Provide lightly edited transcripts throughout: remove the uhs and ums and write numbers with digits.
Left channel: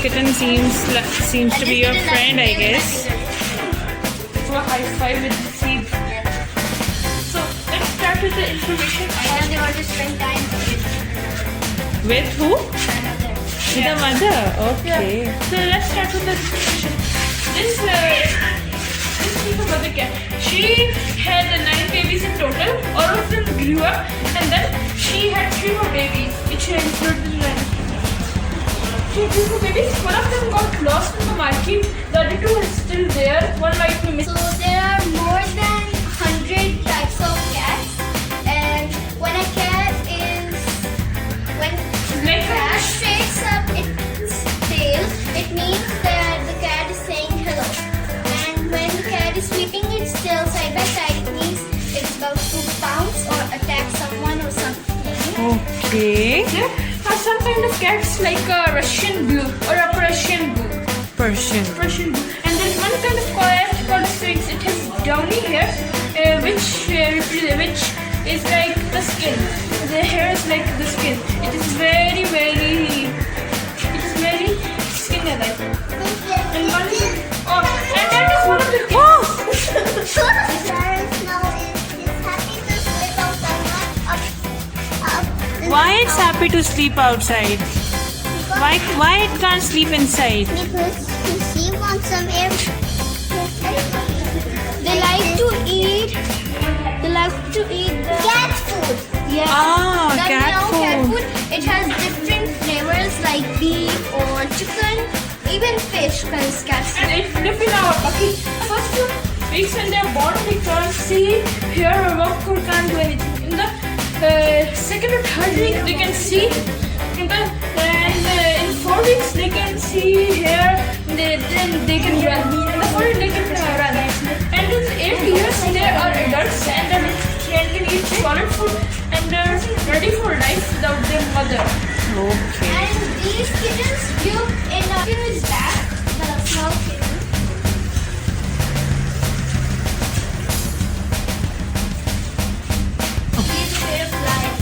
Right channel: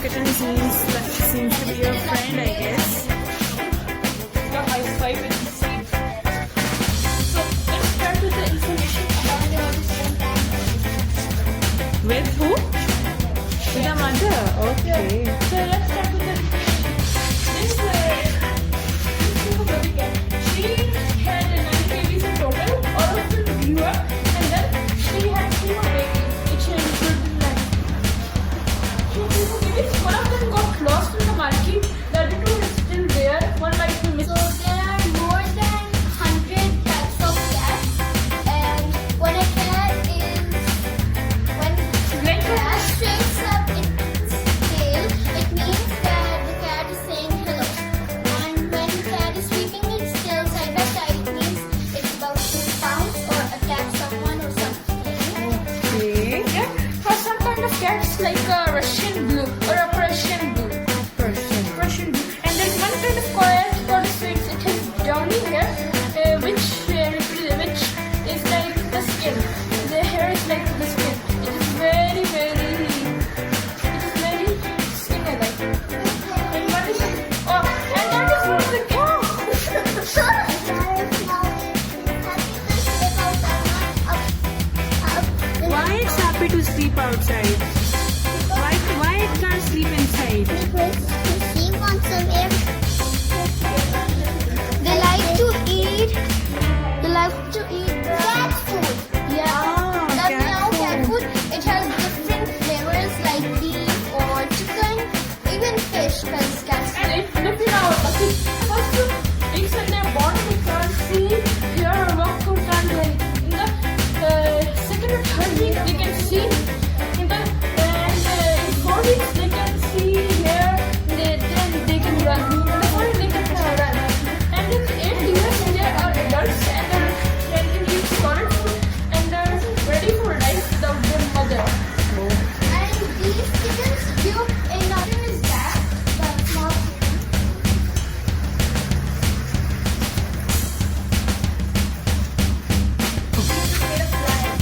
kitten seems to be your friend, I guess. Do a high five with the seed. So let's start with the information. And you want to spend time With who? Yeah. The mother. Okay. So let's start with the information. This is the mother cat. She had 9 babies in total. All of them grew up, and then she had 3 more babies, which included the land. She had 3 more babies. One of them got lost in the market. The other 2 are still there. One might be missing. So there are more than 100 types of cats, and when a cat is when Like the cat straights up its tail, it means that the cat is saying hello. And when the cat is sweeping its tail side by side, it means it's about to pounce or attack someone or something. Okay. There are some kind of cats like a Russian blue or a Persian blue. Persian. Persian blue. And there's one kind of cat called Sphinx. It has downy hair, which is like the skin. The hair is like the skin. It is very skin-like. And one is and that is one of the Why it's happy to sleep outside? Why it can't sleep inside? He wants some air. They like to eat cat food. Yeah. Ah, The cat meow food. cat food. It has different flavors like beef or chicken, even fish, because cats. and they live in our bucket. First of weeks when they're born, they can't see, hear, or walk, or can't do anything. In the second or third week, they can see. And in 4 weeks, they can see, hear, then they can run. In the 4 weeks, they can run. And in 8 years, they are adults and they can eat solid food and they're ready for life without their mother. And these kittens live in a huge cat, the South kitten. These are their flies.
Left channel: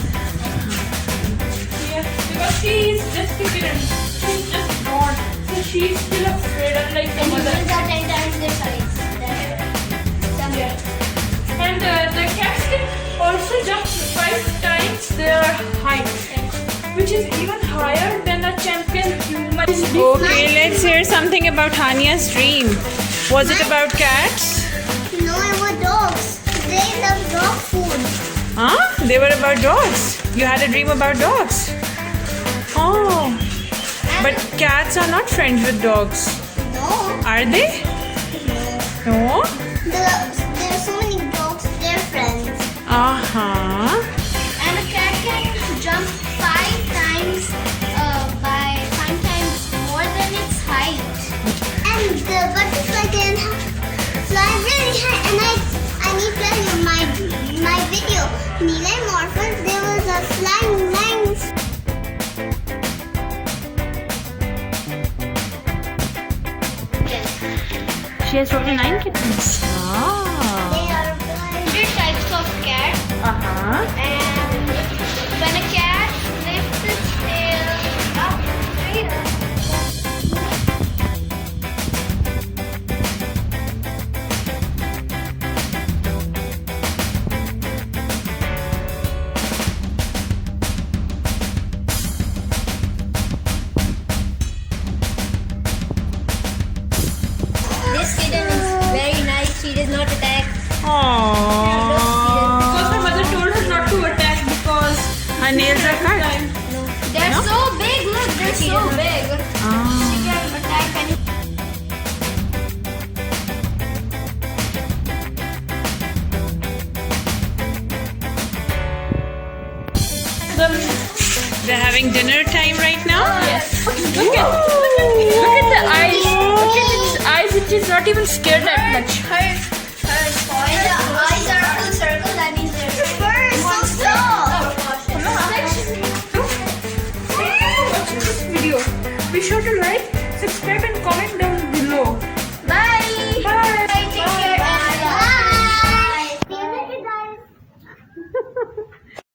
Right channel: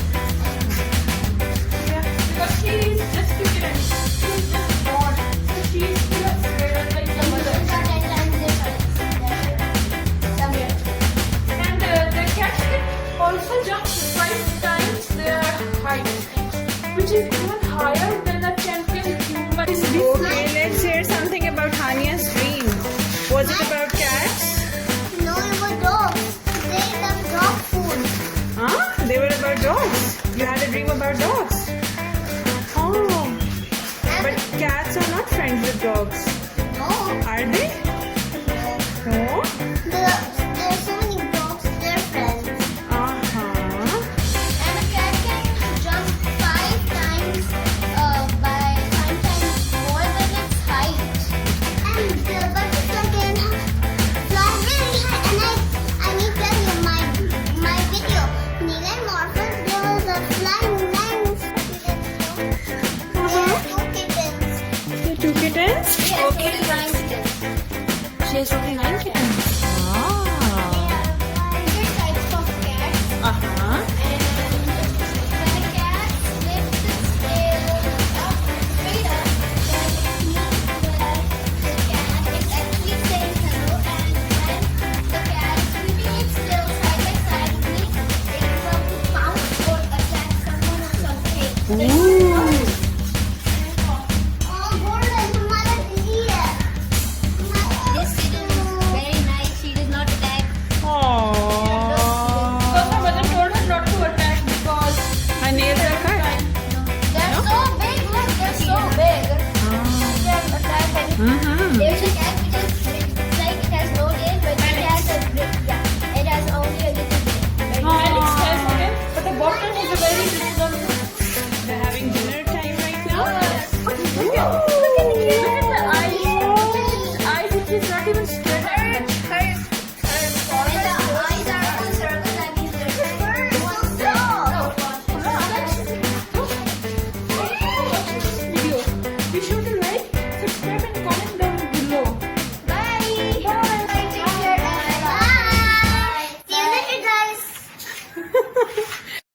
Yeah, because she is just a kitten. She's just born. So she's still afraid, unlike the mother. These are 10 times their size. And the cats can also jump 5 times their height, which is even higher than the champion human. Okay, let's hear something about Hania's dream. Was it about cats? No, it was dogs. They love dog food. Huh? They were about dogs. You had a dream about dogs. Oh. But cats are not friends with dogs. No. Are they? No? There's so many dogs, they're friends. Uh-huh. And a cat can jump 5 times by 5 times more than its height. And the butterfly can fly very high. And I need to tell you my video, Nila and Morphin, there was a flying lines. There were 2 kittens. Two kittens? Yes, 9 kittens. She has total 9 kittens.